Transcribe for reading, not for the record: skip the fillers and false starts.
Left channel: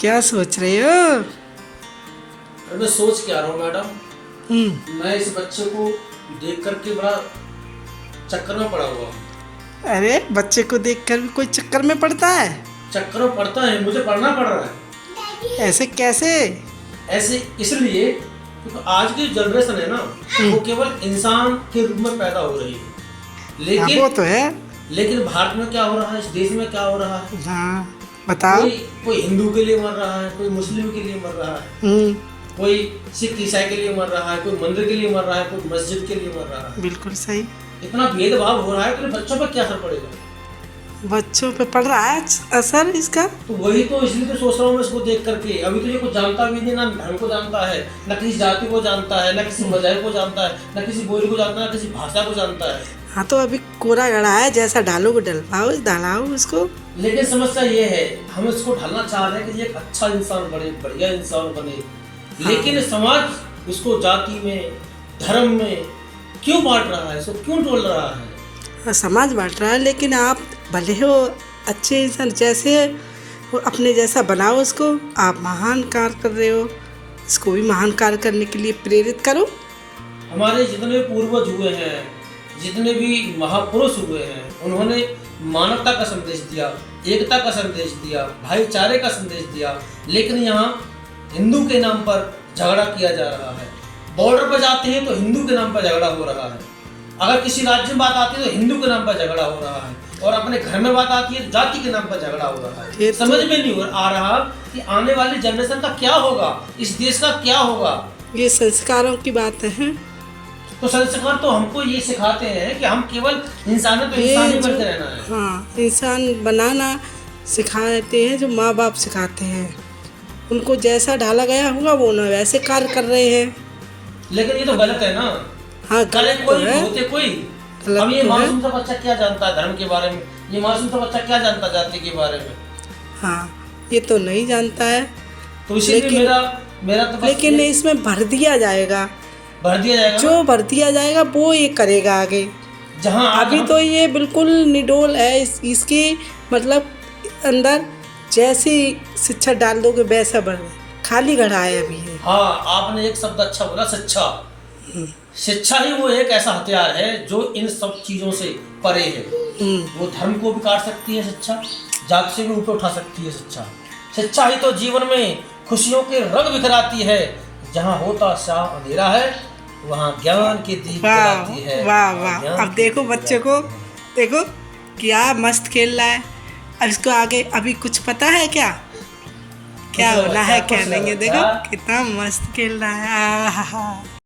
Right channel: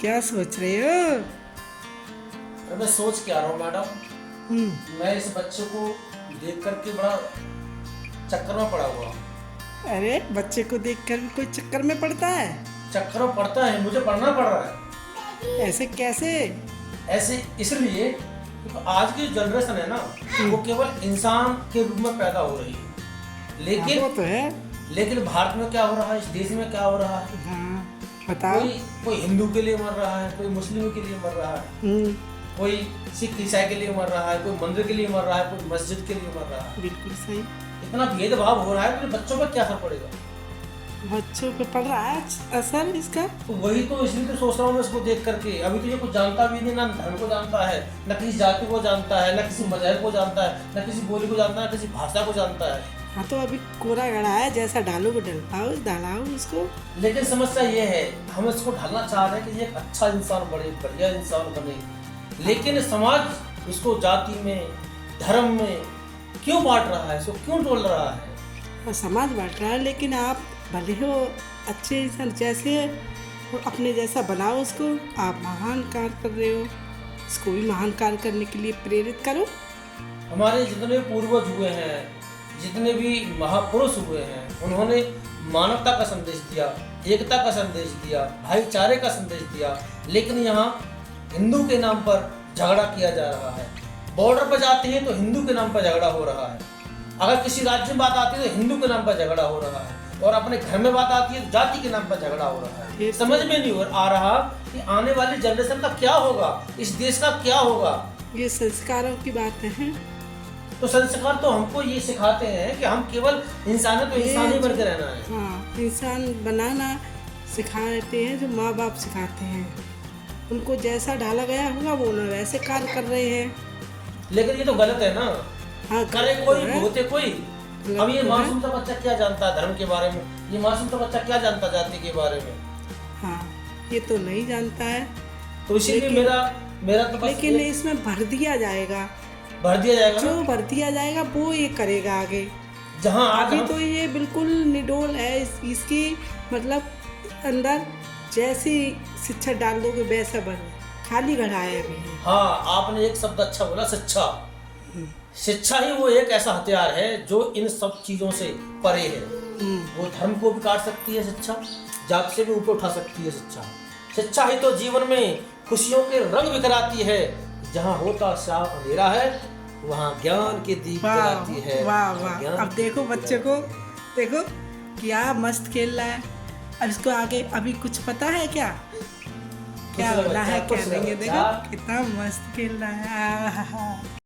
क्या सोच रहे हो? मैं सोच के आ रहा हूँ मैडम। मैं इस बच्चे को देख करके बड़ा चक्कर में पड़ा हुआ हूँ। अरे बच्चे को देखकर भी कोई चक्कर में पड़ता है? चक्कर में पड़ता है, मुझे पढ़ना पड़ रहा है। ऐसे कैसे? ऐसे इसलिए क्योंकि आज की जनरेशन है ना, वो केवल इंसान के रूप में पैदा हो रही है। हाँ, वो तो है। लेकिन भारत में क्या हो रहा है, इस देश में क्या हो रहा है? हाँ, बताओ। कोई हिंदू के लिए मर रहा है, कोई मुस्लिम के लिए मर रहा है, कोई सिख ईसाई के लिए मर रहा है, कोई मंदिर के लिए मर रहा है, कोई मस्जिद के लिए मर रहा है। बिल्कुल सही। इतना भेदभाव हो रहा है तो बच्चों पर क्या असर पड़ेगा? बच्चों पे पड़ रहा है असर इसका। तो वही तो, इसलिए तो सोच रहा हूँ मैं इसको देख करके। अभी तो ये कुछ जानता भी नहीं, ना धर्म को जानता है, ना किसी जाति को जानता है, ना किसी मजहब को जानता है, ना किसी बोली को जानता है, ना किसी भाषा को जानता है। हाँ, तो अभी कोरा गड़ा है, जैसा डालोगे डल पाओ, डालाओ उसको। लेकिन समस्या ये है, हम इसको ढालना चाह रहे हैं कि ये एक अच्छा इंसान बने, बढ़िया इंसान बने। लेकिन समाज इसको जाति में, धर्म में क्यों बांट रहा है, इसको क्यों तोड़ रहा है? समाज बांट रहा है, लेकिन आप भले हो अच्छे इंसान, जैसे वो अपने जैसा बनाओ उसको। आप महान कार्य कर रहे हो, इसको भी महान कार्य करने के लिए प्रेरित करो। हमारे जितने पूर्वज हुए हैं, जितने भी महापुरुष हुए हैं, उन्होंने मानवता का संदेश दिया, एकता का संदेश दिया, भाईचारे का संदेश दिया। लेकिन यहाँ हिंदू के नाम पर झगड़ा किया जा रहा है। बॉर्डर पर जाते हैं तो हिंदू के नाम पर झगड़ा हो रहा है। अगर किसी राज्य में बात आती है तो हिंदू के नाम पर झगड़ा हो रहा है, और अपने घर में बात आती है तो जाति के नाम पर झगड़ा हो रहा है। समझ में नहीं आ रहा कि आने वाली जनरेशन का क्या होगा, इस देश का क्या होगा। ये संस्कारों की बात है। तो संस्कार तो हमको ये सिखाते हैं कि हम केवल इंसान है तो इंसान ही बन के रहना है। हाँ, इंसान बनाना सिखाते हैं, जो माँ बाप सिखाते हैं। उनको जैसा ढाला गया होगा वो ना वैसे कार्य कर रहे हैं। लेकिन ये तो गलत है ना। हाँ, करे कोई है। होते कोई। गलत अब ये तो है। मासूम सा बच्चा क्या जानता है धर्म के बारे में? ये मासूम सा बच्चा क्या जानता है जाति के बारे में? हाँ, ये तो नहीं जानता है। तो इसीलिए मेरा तो लेकिन इसमें भर दिया जाएगा, जो भर दिया जाएगा वो ये करेगा आगे। जहाँ अभी तो ये बिल्कुल निडोल है। इसकी मतलब अंदर जैसी शिक्षा डाल दोगे वैसा बढ़, खाली घड़ा है अभी है। हाँ, आपने एक शब्द अच्छा बोला, शिक्षा। शिक्षा ही वो एक ऐसा हथियार है जो इन सब चीजों से परे है। वो धर्म को भी काट सकती है शिक्षा, जात से भी ऊपर उठा सकती है शिक्षा। शिक्षा ही तो जीवन में खुशियों के रंग बिखराती है। जहाँ होता सा अंधेरा है, वहाँ ज्ञान के दीप जलाती है। वाह वाह। अब देखो बच्चे को, देखो क्या मस्त खेल रहा है। अब इसको आगे अभी कुछ पता है क्या होना है, क्या नहीं है। देखो कितना मस्त खेल रहा है।